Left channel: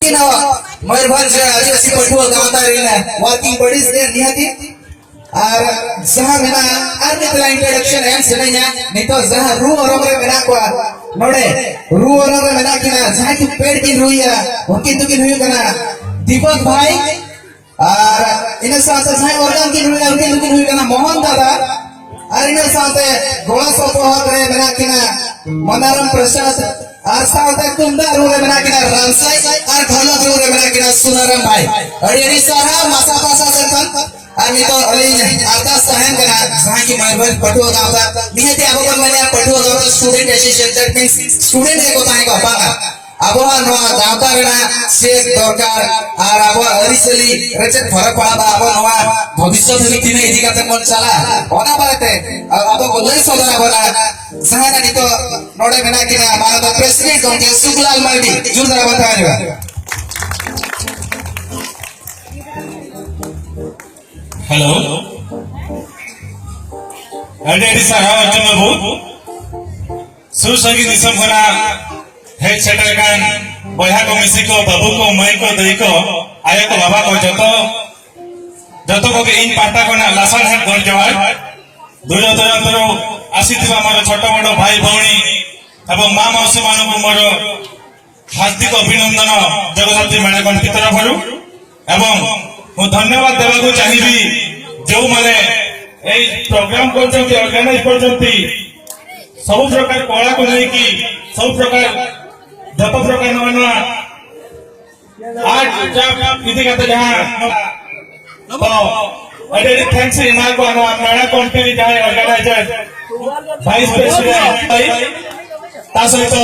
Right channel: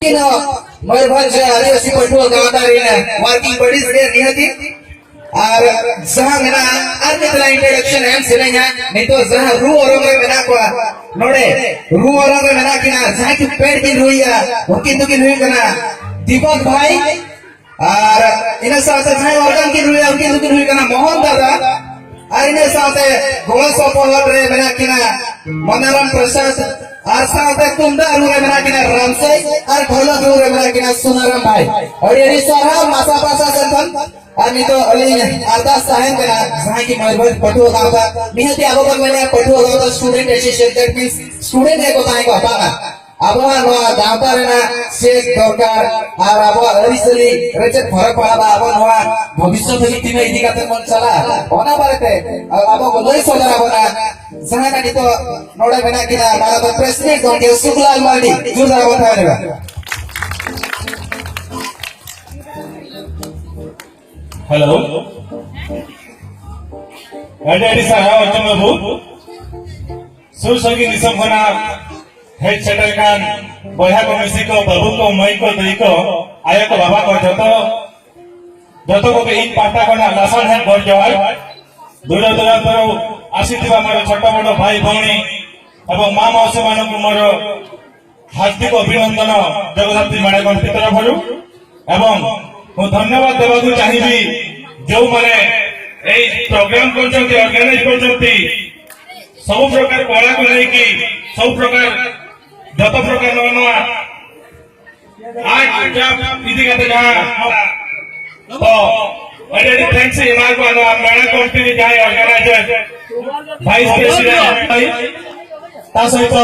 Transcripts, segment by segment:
मयूरभंज आदिवासी पठुआ गावता रहीना working bodies देर निहती और जहां मेना आर मितला इंट्रोडक्शन एम सेनाया नहीं तो जहां रू औरंग रे मेना को नोडे रू औरंग रे मेना किना जहां की पेड़ की रुइया उनकी तो की हुई कना दीपक भाई और इन साथे जहां ऑर्गन की रुइया उनकी तो की हुई कना मोहन दादा और इन साथे गोला सपोहत रे मेना किना मनोरम प्रसाद और साथे तुमदा रुरे मेना किना रामसाई और ढोलक रुरे मेना किना सुनाराम भाई और ये सारा मासा पासा संतन आणि तो अली अरदास सहन करा जहां की मयूरभंज पठुआ गांव का निहती आबो बन मैंने पठुआ गांव का student association that means student एको ताई को बागा आबो नवा गांवता रेना शेख दरकार और आबो अरिसली रचत फरक पड़ा आबो नवा भविष्य समिति में इदी काते मन चला ओना बारते आबो को लई सोदर आबो ना जहां नानी तो नोडे मेना किना मानो तो प्रेसिडेंट गोंके सुखलाल मार्डी जोरदार बतावेगा हेलो अडेडी साहा अर्जुन बाबू सुसंगी निसम खना हेड सेटर कान बया को मिसी को बाबू को मई को दई को आया को बाबा को जतो को के इन पाटा को ना लसन हेड घर जवार दूर दूरांतर आसीथिबा मारो छोट बड़ भाई भौणी एवं मां मौसी मानो को मोर हार्दिक अभिनंदन जगदात्री मेणा कंठी तरफरु एवं मु धन्यवाद देवाकू चाहिबी जो माने ए प्रोग्राम करछंती ऑर्गेनाइज करछंती सब प्रकार कला को नहीं की सब प्रकार जत प्रकार नवा आर्ट जब इति का जहां तो अरे थैंक्स एमआर को अनु मेणा कंपनी जाय ऑर्गेनाइजर वाइस प्रेसिडेंट भाई ता सहित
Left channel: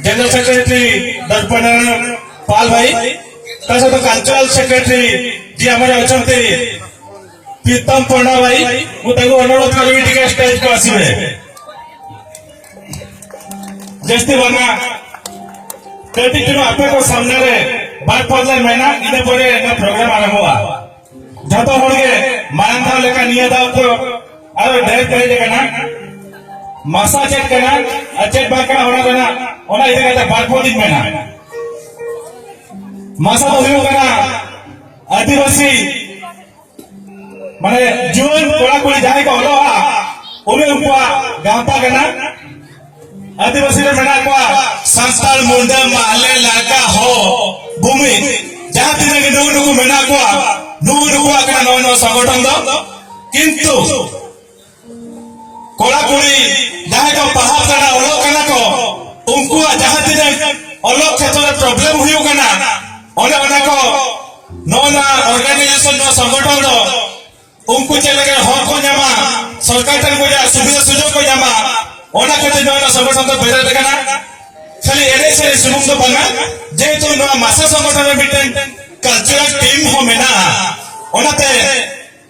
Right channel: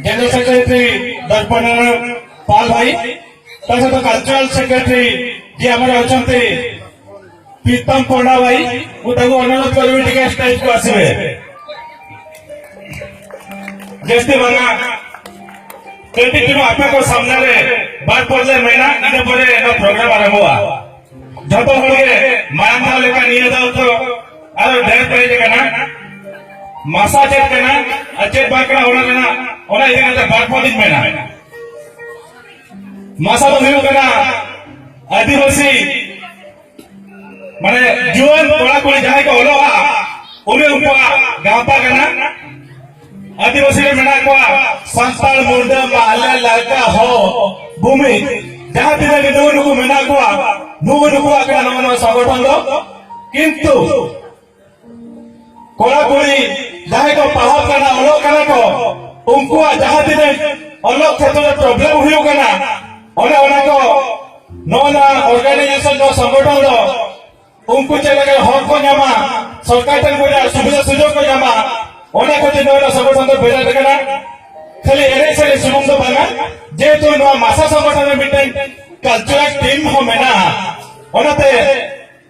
जनरल सेक्रेटरी दर्पण पाल भाई ता सहित कल्चरल सेक्रेटरी जी हमारे अछंती प्रीतम पंडा भाई मुझे अनुरोध करी टिके स्टेज को आसीबे जस्ती बना कति तुम आपे को सामने रे बात पड़ले मैना इने परे ना प्रोग्राम आरंभ हुआ जतो होगे मानता लेका निया दाव को अरे ढेर कहीं जगह ना मासा चेक करना अचेत बाकरा होना करना होना इधर कहते बात पड़ दिन मैना मासा तो नहीं करना आदिवासी माने जुआन कोला कोली जाए को होलोहा उन्हें उनका गांपा करना आदिवासी ने मेना को संस्कार मुंडा माले लड़का हो भूमि जहां दिन के नुगु मेना को नुगु आकड़ा नव संगठन दो किंतु कोला कोली जाए को पहाड़ करना ओलो करना को उनको जहां दिन ओलो क्षेत्र में प्रॉब्लम हुई करना ओने ओने को नोना ऑर्गेनाइजेशन नो संगठन दो उनको चले के हक को जामा सरकार तक को जा सुविधा सुजोग को जामा ओना को नोना संगठन तो बेटा देखना खाली एरे से सुबंग तो बना जे तो नो मासा संगठन में मिटे कल्चरल टीम हो मेना ओनाते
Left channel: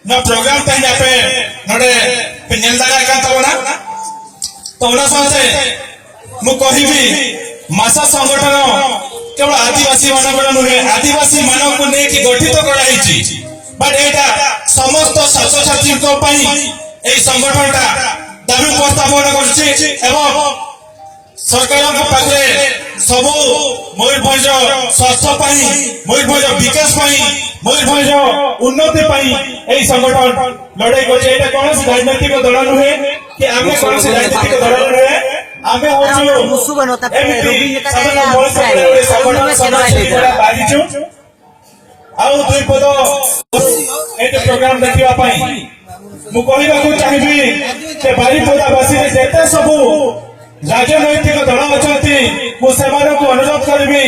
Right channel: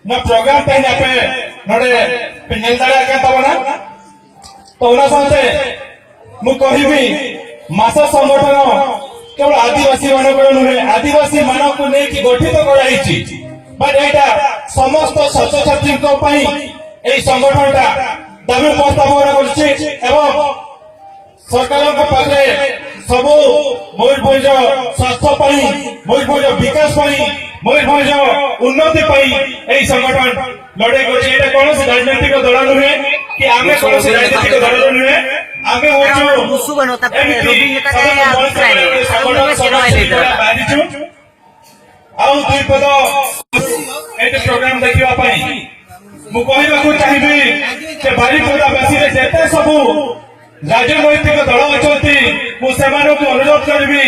ना प्रोग्राम पे पे नोडे पिनेल दागा का तबना तो ओना साथे मु कहिबी मासा संगठन केवल आदिवासी मानकर नुहे आदिवासी मानव को नहीं गठित कराई बट एटा समस्त छात्र छात्री को पई ए संगठनटा दाबी उपस्थापन करछि एवं सरकार को पाखे सब मयूरभंज स्वास्थ्य पई मयूरभंज विकास पई मयूरभंज उन्नति पई ए संगठन लड़ाई करछि एटा कोनोसी राजनीतिक दल नुहे कि आमे कोनोसी राजनीतिक दल नुहे आमे होछु मुसु बनोता पे रोबी नेता का या संगठन में सेना लेकर बाजिछु आउ दुई पद एते प्रोग्राम देखिबा पई मु कहिबा को चाहिबी जे बारिपदावासी रे जेते सबु राजनैतिक दल अछंती मु सेमानो को अनुरोध करबी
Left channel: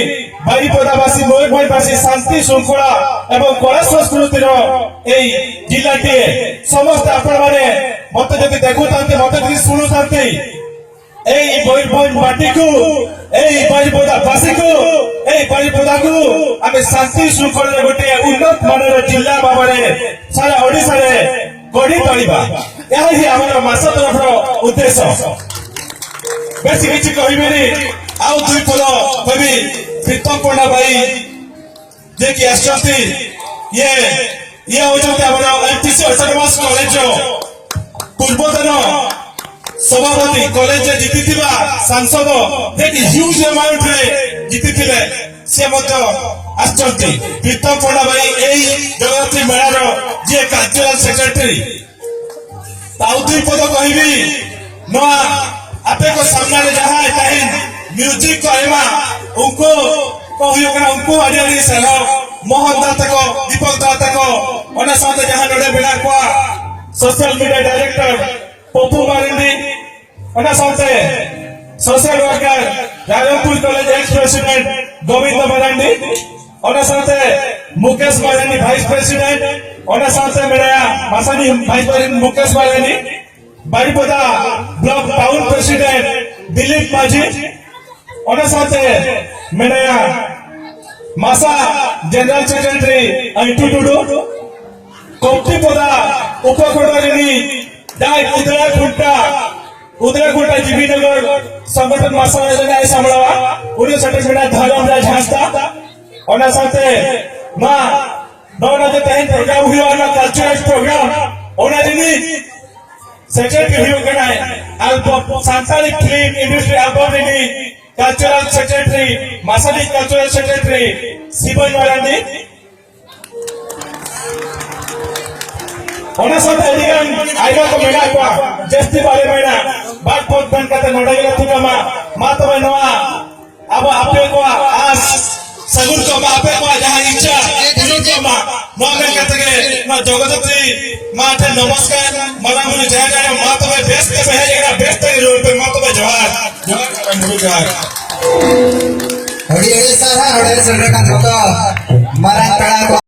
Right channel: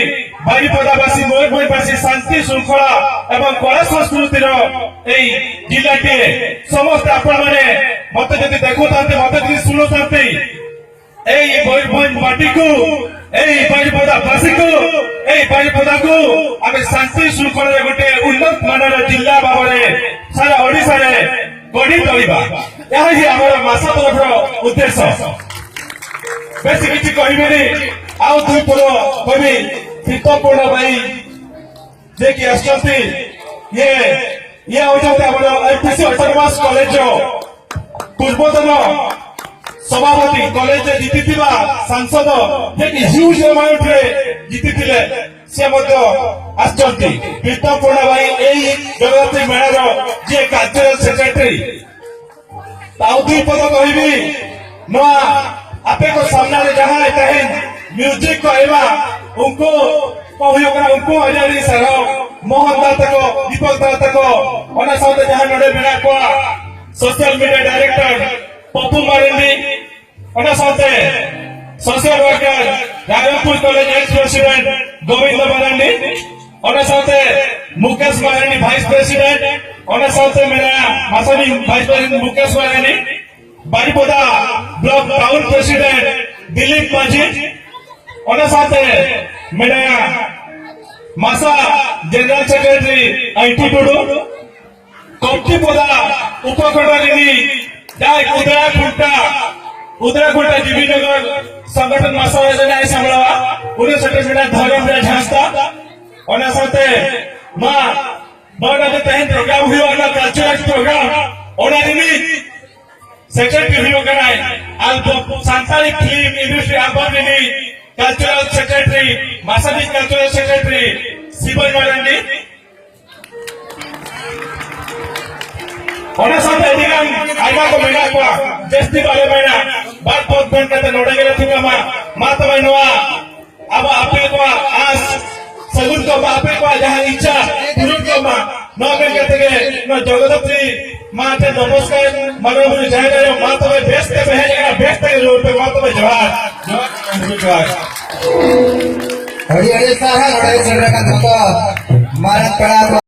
बारिपदावासी मयूरभंजवासी शांति श्रृंखला एवं कला संस्कृति रो एई जिल्लाटी समस्त आपण माने मते जति देखुतांते मते जति सुनुतांते एई मयूरभंज माटी को एई बारिपदावासी को एई बारिपदा को आमे शांति श्रृंखला रे गोटे उन्नत मानर जिल्ला बाबरे सारा ओडिसा रे गढ़ी तोलिबा यह ही हमर मासा तरफ उद्देश्य बेसी किछि कहिबेनी आउ दुई पद कहबी प्रीतम पंडा भाई जे कि आछंती ये होचंती हमर एफटीसी ऑटोनोमस कॉलेज पूर्वतन सभापति कॉलेज जीतिथिबा सांसद जे कि ह्यूज अमाउंट रे जीतिथिले से मध्य आसचंती तीर्थ पंडा भाई एई जगन्नाथ मेलार जे कल्चरल सेक्रेटरी ताऊ दुई पद कहबी नवा आपे को सामना रे जहां तहन म्यूजिक कहबा उनको कहयो कना उनको हरियाली सह मोहन दत्त को दीपक दत्त को ओना साथ जहां नडे बिना को social media director Pappu Marandi ओना साथ social worker Raghavpur college ex president Govind Marandi ओना साथ मुकेश मारेंडी वाइस प्रेसिडेंट ओना साथ मेरा मासानी vice president Mukesh Marandi Baripada block town president Dilip Majhi ओना साथ मेरा मासा जनरल सेक्रेटरी आईटी टुडू कोप्टीपोदा उपखंडागिनी डाय उदरा जीवीनगर संगठन मासा योजना सांभळवा उन्हें सर्टिफिकेट धर्मराज झांसता ओना साथे मां नौना जो तहन प्रोग्राम हुआ ना कल्चरल प्रोग्राम ओना दिनी सेक्रेटरी हुआ कना एल्बम सांसारिक फिल्म इंडस्ट्री एल्बम दिनी कल्चरल सेक्रेटरी मासादी कल्चरल सेक्रेटरी शिवन मारांडी ओना साथे एदिगम आइबा को मेना को जस्ती बाले मेना बाइक पोत बन कते नोडा गेला थिका मा तबे नवा अब आपे को आस सगुन को आपे को जहां इच्छा सगुन को मा न में कते के न जगदत्री मा थे नमस्कार मना मुनि जय जय मा तबे बेस्ट पे है जरा बेस्ट के रोड पे मा तबे जवार हड़ी हड़ी साहा हड़े चंद्रकांत तो मारा कड़ा